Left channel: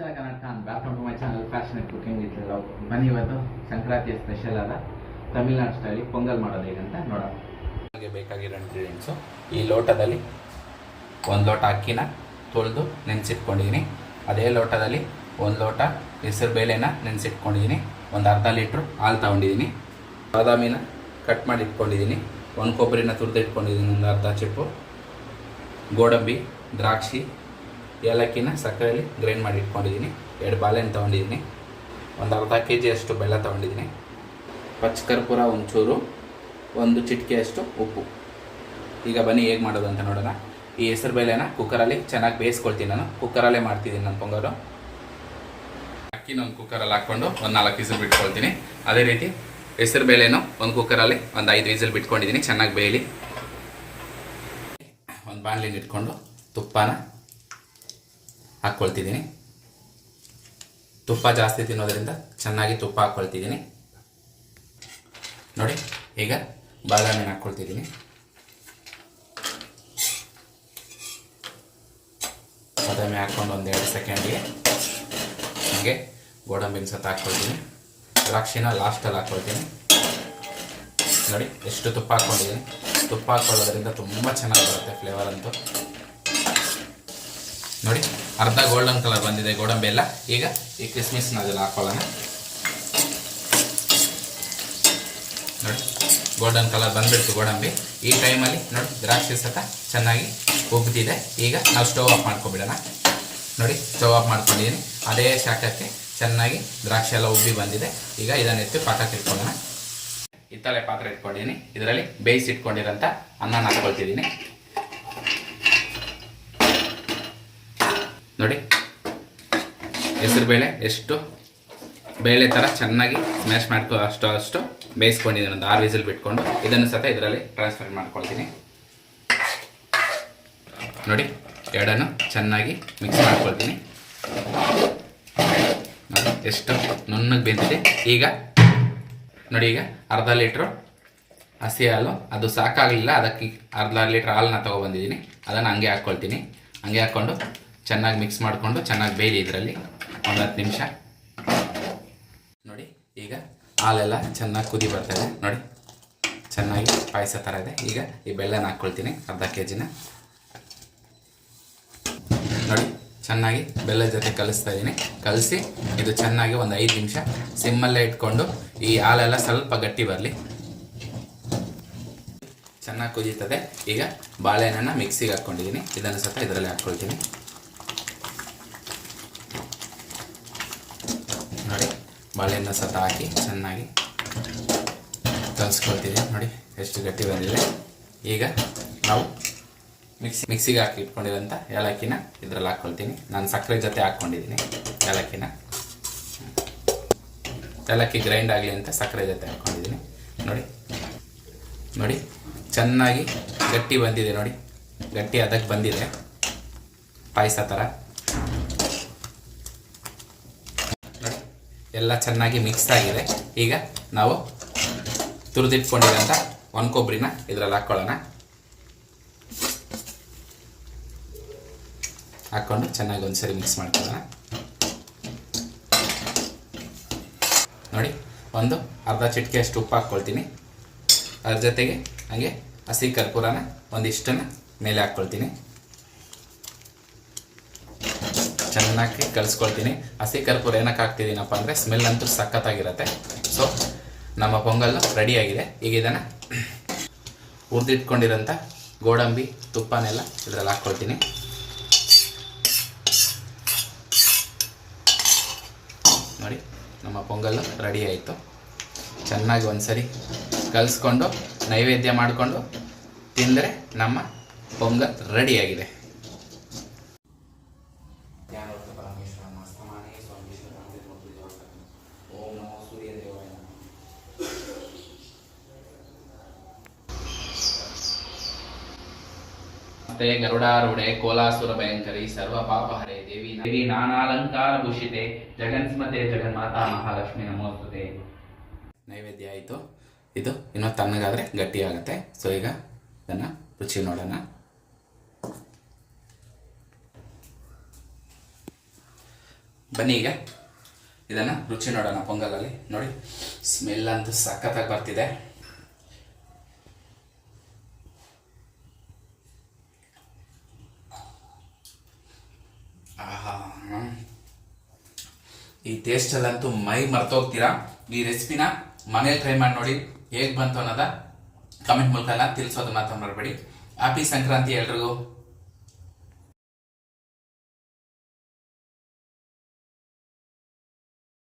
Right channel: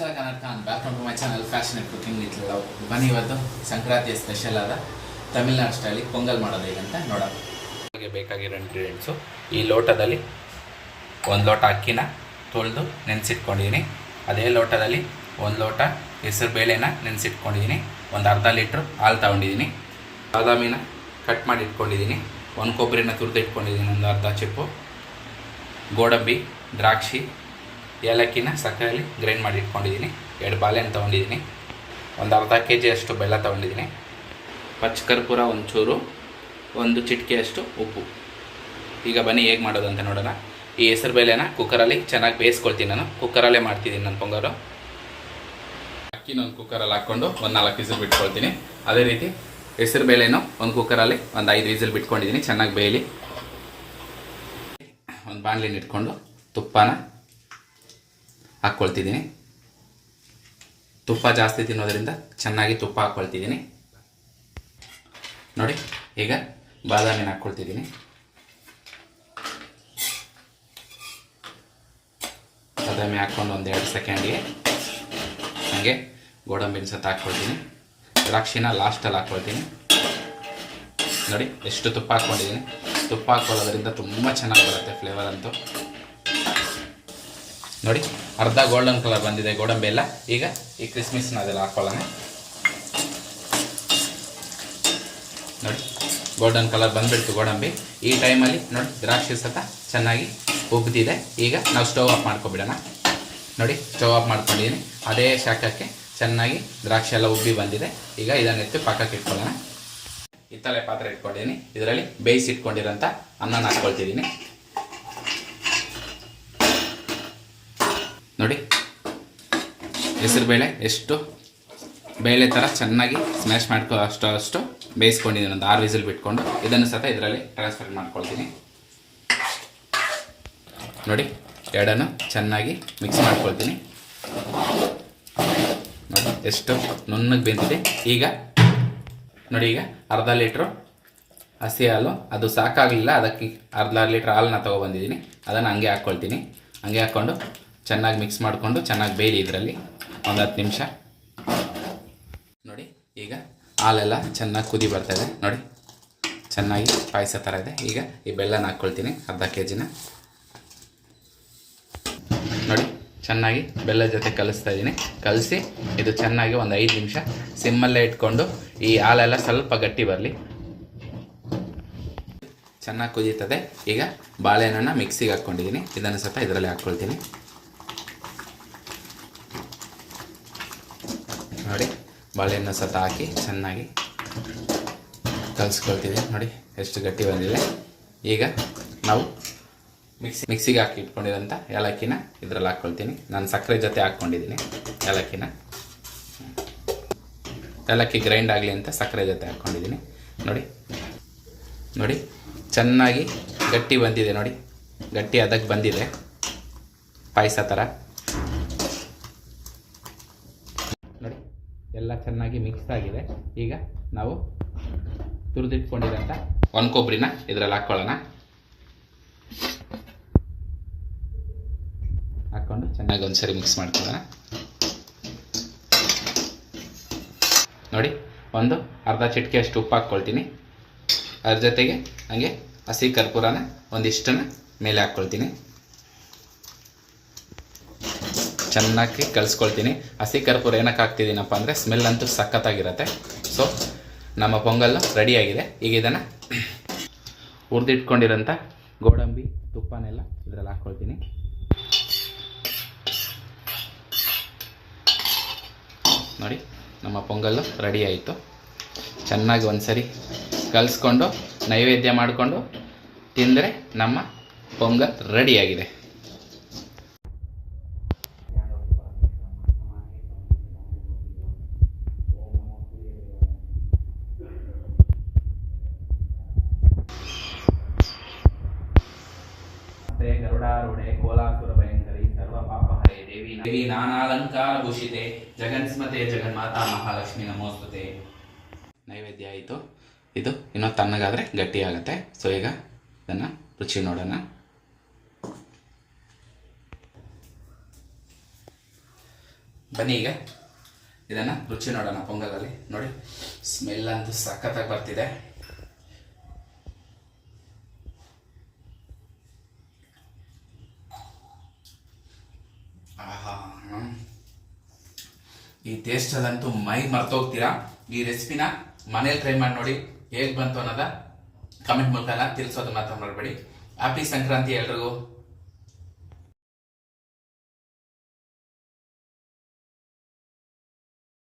Karnataka back to my channel fashion cooking with love ಬನ್ನಿ ಇವತ್ತು ಸಂಕ್ರಾಂತಿಯ special ಆದ ತಮಿಳ್ನಾಡು ಸ್ಟೈಲಿಗೆ ಪೊಂಗಲ್ ಮಾಡೋದು ಹೇಗಂತ ನೋಡೋಣ. ಹಾಗೆ ಬೇಕಾಗಿರೋ ಇಂಗ್ರೀಡಿಯೆಂಟ್ಸು ಈ ಲೋಟದಲ್ಲಿ ಒಂದು ಲೋಟ ಅಕ್ಕಿನ ತೊಳೆದು ನೆನೆಸಿಟ್ಕೊಂಡಿದ್ದೀನಿ ಅದೇ ಲೋಟದಲ್ಲಿ ಒಂದು ಲೋಟ ಹೆಸರು ಬೇಳೆನ ನೆನೆಸಿಟ್ಕೊಂಡಿದ್ದೀನಿ ಒಂದು ಅರ್ಧ ಲೀಟ್ರ್ ಹಾಲು ತೊಗೊಂಡಿದ್ದೀನಿ ಬಾದಾಮಿನ ಕಟ್ ಮಾಡಿ ಇಟ್ಕೊಂಡಿದ್ದೀನಿ ಒಂದು ಕೊಬ್ಬರಿನ ತುರಿದು ಇಟ್ಕೊಂಡಿದ್ದೀನಿ ಒಂದು ಅರ್ಧ ಚಿಪ್ಪು, ಗೋಡಂಬಿ, ದ್ರಾಕ್ಷಿ ಏಲಕ್ಕಿನ ಸಕ್ಕರೆಯಲ್ಲಿ ಗ್ರೈಂಡ್ ಮಾಡಿ ಇಟ್ಕೊಂಡಿದ್ದೀನಿ. ಎರಡು ಬಾಳೆಹಣ್ಣು ತೊಗೊಂಡಿದ್ದೀನಿ. ಒಂದು ಅರ್ಧ ಕೆ ಜಿಯಷ್ಟು ಬೆಲ್ಲ ತೊಗೊಂಡಿದ್ದೀನಿ. ಪಚ್ಚ ಕರ್ಪೂರ ಒಂಚೂರು, ಒಂದು ಚಿಟಿಕೆಯಷ್ಟು ಉಪ್ಪು. ಈಗ ಬನ್ನಿ ಹೇಗೆ ಮಾಡೋದು ಅಂತ ನೋಡೋಣ. ಈ ಹೆಸರು ಬೇಳೆನ ಕುಕ್ಕರಲ್ಲಿ ಚೆನ್ನಾಗಿ ಬೇಯಿಸ್ಕೊಳ್ತೀನಿ ನಾನು. ಕುಕ್ಕರಲ್ಲೇ ಮಾಡ್ತಿದ್ದೀನಿ ನನ್ನ ಪೊಂಗಲು ಅಕ್ಕಿನ ಒಂದು ಕುಕ್ಕರಲ್ಲಿ ಹಾಕ್ಕೊಂಡು ಒಂದು ನಾಲ್ಕು ವಿಸಿಲ್ ಬಿಟ್ಕೊಳ್ತೀನಿ. ಅದೇ ರೀತಿ ಹೆಸರು ಬೇಳೆನೂ ಒಂದು ಕುಕ್ಕರಲ್ಲಿ ಒಂದು ಐದು ವಿಸಿಲ್ ಬಿಟ್ಕೊಂಡಿದ್ದೀನಿ. ಚೆನ್ನಾಗಿ ಬೇಯಲಿ. ಒಂದು ಬಾಣಲಿನ ಇಟ್ಕೊಂಡು ತುಪ್ಪನ ಹಾಕ್ಕೊಳ್ತಿದ್ದೀನಿ. ತುಪ್ಪ ಜಾಸ್ತಿ ತಿನ್ನೋದರಿಂದ ಚೆನ್ನಾಗಿ ತುಪ್ಪ ಹಾಕ್ಕೊಳ್ತಿದ್ದೀನಿ. ನೋಡಿ, ಈಗ ಬಾದಾಮಿನ ಹಾಕ್ಕೊಳ್ತಿದ್ದೀನಿ. ಬಾದಾಮಿ ಹಾಕ್ಕೊಂಡು ಒಂದು ಎರಡು ಸೆಕೆಂಡಿಗೆ ಹಾಗೆ ಗೋಡಂಬಿನ ಸತ ಹಾಕ್ಕೊಳ್ತೀನಿ. ದ್ರಾಕ್ಷಿನ ಲಾಸ್ಟಲ್ಲಿ ಹಾಕ್ಕೊಳ್ತೀನಿ. ನೋಡಿ, ಎಷ್ಟು ತುಪ್ಪ ಹಾಕ್ಕೊಂಡಿದ್ದೀನಿ. ತುಪ್ಪ ಹಾಕ್ಕೊಳ್ಳೋದ್ರಿಂದ ತುಂಬ ಚೆನ್ನಾಗಿ ಬರುತ್ತೆ ಫ್ಲೇವರ್ ಅಂತೂ. ನೋಡಿ, ಅರ್ಧ ಗೋಲ್ಡನ್ ಕಲರ್ ಬಂದಿದೆ ಗೋಡಂಬಿ ಎಲ್ಲ. ಈಗ ಈ ಕ್ರಿಸ್ಮಿಸ್ನ ಅದೆಲ್ಲ ಹಾಕೊಳ್ಳೋಣ. ನೋಡಿ ಗೋಲ್ಡನ್ ಕಲರ್ ಬಂದ್ಬಿಡ್ತು ಗೋಡಂಬಿ. ಈ ಟೈಮಲ್ಲಿ ನೋಡಿ, ದ್ರಾಕ್ಷಿ ಸತ ಚೆನ್ನಾಗಿ ಉಬ್ಬಿದೆ ಈಗ ನಾವು ಸ್ಟವ್ ಆಫ್ ಮಾಡ್ಕೊಬಿಡೋಣ ನೋಡಿ ಸ್ಟವ್ ಆಫ್ ಮಾಡ್ಕೊಂಡಿದ್ದೀನಿ. ಅದೇ ಶಾಖಕ್ಕೆ ಚೆನ್ನಾಗಿ ದ್ರಾಕ್ಷಿ ಎಲ್ಲ ಉಬ್ಬಿ ಬಂದಿದೆ. ಈಗ ಇದನ್ನು ಎತ್ತಿ ಪಕ್ಕಕ್ಕೆ ಇಟ್ಕೊಳ್ಳೋಣ. ಹಿತ್ತಳೆ ಪಾತ್ರೆ ಇಟ್ಕೊಂಡಿದ್ದೀನಿ. ಇದರಲ್ಲಿ ಬೇಯಿಸಿಟ್ಕೊಂಡಿರೋಂಥ ಅನ್ನ ಹಾಕ್ಕೊಳ್ತಿದ್ದೀನಿ ನೋಡಿ ಹೆಸರುಬೇಳೆ ಎಷ್ಟು? ಬೇಳೆ ಥರ ಚೆನ್ನಾಗಿ ಸ್ಮ್ಯಾಶ್ ಮಾಡ್ಕೊ ಅಷ್ಟು ಅಷ್ಟು ಬೇಯಿಸ್ಕೊಂಡಿದ್ದೀನಿ. ಒಂದು ಆರು ವಿಸಿಲ್ ಬಿಟ್ಕೊಂಡು ಇದನ್ನು ಸಹ ಇದರಲ್ಲಿ ಟ್ರಾನ್ಸ್ಫರ್ ಮಾಡ್ಕೊಳ್ತೀನಿ. ನೋಡಿ, ಎರಡನ್ನು ಚೆನ್ನಾಗಿ ಮಿಕ್ಸ್ ಮಾಡ್ಕೊಳ್ತೀನಿ. ನೋಡಿ, ಎಷ್ಟು ನುಣ್ಣಗೆ ಬೆಂದಿದೆ. ಈಗ, ನೋಡಿ ಈಗ ಅರ್ಧ ಲೀಟ್ರು ಹಸಿ ಹಾಲು. ಅದು ಸಾಕಾಗಲಿಲ್ಲ. ಅದಕ್ಕೆ ಅರ್ಧ ಲೀಟ್ರ್ ಹಾಲನ್ನ ತೊಗೊಬಂದಿದ್ದೀನಿ. ಅದನ್ನು ಹಂಗೆ ಹಾಕ್ಕೊಳ್ತೀನಿ. ಹಂಗೆ ಹಾಕ್ಕೊಂಡು ಚೆನ್ನಾಗಿ ಮಿಕ್ಸ್ ಮಾಡಿಕೊಂಡು ಚೆನ್ನಾಗಿ ಬೇಯಲಿ ಇದರಲ್ಲಿ. ಒಂದು ಹತ್ತು ನಿಮಿಷ. ನೋಡಿ, ಈಗ ಹಾಲೆಲ್ಲ ಚೆನ್ನಾಗಿ ಕುದಿ ಬರ್ತದೆ ನೋಡಿ, ಚೆನ್ನಾಗಿ ಪಾಯಸ ಥರ ಇದೆ. ಈಗ ಈ ಬೆಲ್ಲನ ಹಾಕ್ಕೊಳ್ತೀನಿ ಅರ್ಧ ಕೆ ಜಿನ ನೋಡಿ, ಚೆನ್ನಾಗಿ ಬೆಲ್ಲ ಜೊತೆ ಕಲಿಸ್ತಾ ಇದ್ದೀನಿ ಕಲಸಿ, ಇದು ಚೆನ್ನಾಗಿ ಒಂದು ಐದು ನಿಮಿಷ ಸಿಮ್ಮಲ್ಲೇ ಇಟ್ಕೊಂಡು ಈ ಹಾಲೆಲ್ಲ ಸ್ವಲ್ಪ ಗಟ್ಟಿ ಬರಲಿ. ಚೆನ್ನಾಗಿ ಕುದೀತದೆ. ಈಗ ಬಾಳೆಹಣ್ಣನ್ನು ಮಿಕ್ಸಿಗೆ ಹಾಕ್ಕೊಂಡಿದ್ದೀನಿ ಇದನ್ನು ಸ್ವಲ್ಪ ಇದರಲ್ಲಿ ಹಾಕ್ಕೊಳ್ತೀನಿ ನೋಡಿ ಬಾಳೆಹಣ್ಣು ಸಹ ಹಾಕಿ ಚೆನ್ನಾಗಿ ಕಲಿಸ್ಕೊಳ್ತೀವಿ. ನೋಡಿ, ಎಷ್ಟು ಗಟ್ಟಿ ಬಂದಿದೆ. ಈಗ ನಾವು ಮಿಕ್ಸಿ, ಮಿಕ್ಸಿಗೆ ಹಾಕಿ ಇಟ್ಕೊಂಡಿರೋಂಥ ಏಲಕ್ಕಿನ ಇದರಲ್ಲಿ ಹಾಕ್ಕೊಳ್ತೀನಿ. ನಾನು ಸಕ್ಕರೆ ಜೊತೆ ಹಾಕ್ಕೊಂಡಿದ್ದೀನಿ ಏಲಕ್ಕಿನ. ಏಲಕ್ಕಿ ಗ್ರೈಂಡ್ ಆಗಲಿ ಅಂತ ಸಕ್ಕರೆ ಜೊತೆ ಹಾಕ್ಕೊಂಡಿದ್ದೀನಿ. ನೋಡಿ ನೋಡಿ, ಚೆನ್ನಾಗಿ ಗಟ್ಟಿ ಬಂದಿದೆ. ನೋಡಿ, ಗಟ್ಟಿ ಅದಕ್ಕೆ ಬಂದಿದೆ. ಪಾಯಸ ಥರ ನೋಡಿ ಎಲ್ಲ ಚೆನ್ನಾಗಿ ಮಿಕ್ಸ್ ಆಗಿದೆ. ಈಗ ನಾವು ತುರಿದಿಟ್ಕೊಂಡಿರೋಂಥ ಒಣ ಕೊಬ್ಬರಿನ ಇದರಲ್ಲಿ ಹಾಕ್ಕೊಳ್ಳೋಣ ಹಾಕ್ಕೊಂಡು ಚೆನ್ನಾಗಿ ಒಂದ್ಸರಿ ಮಿಕ್ಸ್ ಮಾಡ್ಕೊಳ್ಳೋಣ. ನೋಡಿ, ಒಂದು ಅರ್ಧ ಚಿಟಿಕೆಯಷ್ಟು ಉಪ್ಪು ಹಾಕ್ಕೊಳ್ತೀನಿ. ಅದ್ರ ಜೊತೆಗೆ ಹಾಗೆ ಹಸಿ ಕರ್ಪೂರನ ಒಂದಿಷ್ಟನ್ನು ಮೇಲೆ ಹಾಕ್ಕೊಳ್ತೀನಿ. ಚೆನ್ನಾಗಿ ಕಲಿಸ್ಕೊಳ್ತೀನಿ ಹಸಿ ಕರ್ಪೂರ ಏನಕ್ಕೆ ಹಾಕ್ತಿದ್ದೀನಪ್ಪ ಅಂದರೆ ಸ್ಮೆಲ್ ಅಂತೂ ಸಖತ್ತಾಗಿರುತ್ತೆ. ಸೊ ನಮ್ಮ ಪೊಂಗಲ್ ರೆಡಿಯಾಗಿದೆ ಈಗ ಇದನ್ನು ಹುರಿದಿಟ್ಕೊಂಡಿರೋಂಥ ಗೋಡಂಬಿ, ತುಪ್ಪನೆಲ್ಲ ಇದರಲ್ಲಿ ಹಾಕ್ಕೊಳ್ತೀನಿ. ನೋಡಿ, ನಮ್ಮ ಪೊಂಗಲ್ಲು ರೆಡಿ ಆಯಿತು. ಚೆನ್ನಾಗಿ ಒಂದ್ಸರಿ ಕಲಿಸ್ಕೊಂಡು, ನೈವೇದ್ಯ ಮಾಡಿಕೊಂಡು ತಿಂದರೆ ನಮ್ಮ ಪೊಂಗಲ್ ರೆಡಿಯಾಗಿದೆ ಮತ್ತೆ ಗರುಡಾರೂಢೆ ಕೋಲಾಸುರ, ಭಯಂಕರಿ, ಸರ್ವ ಪಾಪ, ಹರೇ ದೇವಿ. ದೇವಿ ನಾನಾಲಂಕಾರ ಭೂಷಿತೆ, ಜಗನ್ಸ್ಮತೆ ಜಗನ್ಮಾತಾ ಮಹಾಲಕ್ಷ್ಮಿ ನಮೋಸ್ತುತೆ. ನೈವೇದ್ಯ ಆಯಿತು. ಇದು ಇನ್ನೂ ತಣ್ಣಗಾದರೆ ಗಟ್ಟಿ ಆಗುತ್ತೆ ಸೊ ಈಗ ಇದನ್ನು ರುಚಿ ನೋಡೋಣ. ಬನ್ನಿ ಈಗ. ಇದನ್ನು ರುಚಿ ನೋಡೋಣ, ಪೊಂಗಲಲ್ಲಿ. ನೋಡಿ, ಸ್ಮೆಲ್ ಅಂತೂ ಸಖತ್ತಾಗಿ ಬರ್ತಿದೆ. ಈ ಟೇಸ್ಟಲ್ಲಂತೂ ಮೈ ಮರ್ತೋಗ್ತೀರಾ? ಈ ರೆಸಿಪಿನ ಮನೇಲಿ ಟ್ರೈ ಮಾಡಿ ನೋಡಿ ಹೇಗೆ ಬಂತು ಅನ್ನೋದ ಕಮೆಂಟ್ ಮೂಲಕ ತಿಳಿಸೋದನ್ನ ತಿಳಿಸೋದು ಮಾತ್ರ ಮಾಡಬೇಡಿ ಹ್ಯಾಪಿ ಸಂಕ್ರಾಂತಿ ಎಲ್ರಿಗೂ.